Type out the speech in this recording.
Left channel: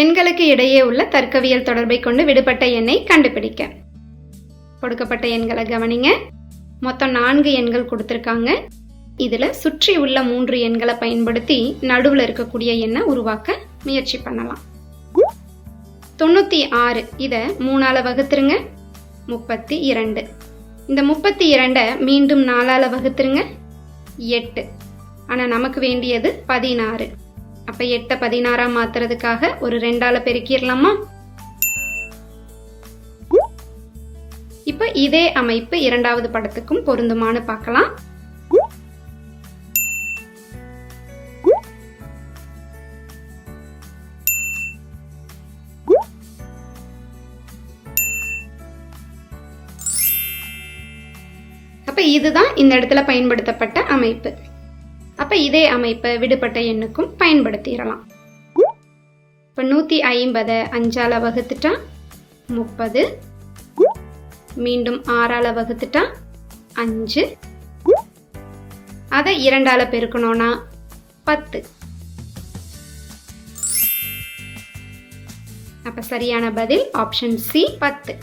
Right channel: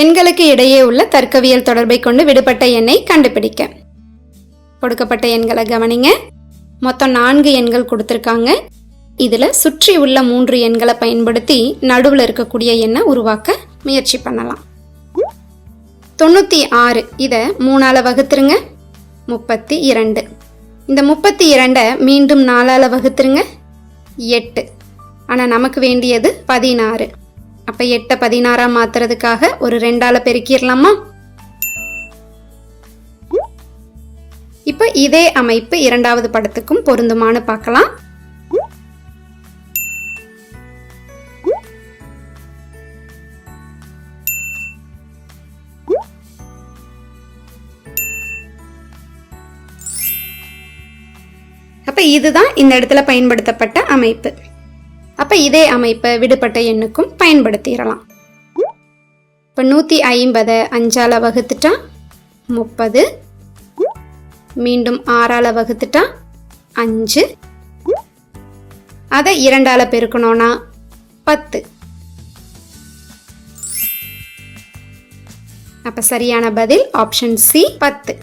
எண்களுக்கு இடையே உள்ள தர்க்கவியல் தொடர்பை கொண்டு விடுபட்ட எண்ணை கண்டுபிடிக்க. கொடுக்கப்பட்ட எண்களை கவனிங்க. மொத்தம் நான்கு எண்கள் கொடுத்துருக்காங்க. இதில் சுற்றி உள்ள மூன்று எண்களை பயன்படுத்தி நடுவில் இருக்கக்கூடிய எண்ணை உருவாக்க முயற்சி பண்ணலாம். தொண்ணூற்றி ஆறு. இதை மூணால் வகுத்துருங்க. முப்பத்தி இரண்டு. இந்த முப்பத்தி இரண்டை மீண்டும் நாலால் வகுத்துருங்க. எட்டு. ஆனால் நமக்கு வேண்டியது பதினாறு. அப்போ எட்டை பதினாறா மாத்துறதுக்காக ஒரு ரெண்டால பெருக்கிடலாமா? இப்போ இதே அமைப்பு இரண்டாவது படத்துக்கும் பொருந்துமான்னு பார்க்கலாம். அப்ப இதுதான் இந்த இடத்துல பயன்படுத்தப்பட்ட அமைப்பு. அப்ப இதே அமைப்பை விடுபட்ட எண்ணுக்கும் பயன்படுத்திடலாம். இப்போ நூற்றி ஐம்பதை அஞ்சால் வகுத்துட்டா முப்பது. மீண்டும் ஆறால் வகுத்துட்டா அஞ்சு. அதை இரண்டால் பெருக்கணும்னா பத்து. அப்போ சரியான பதில் ஆப்ஷன் சி பத்து.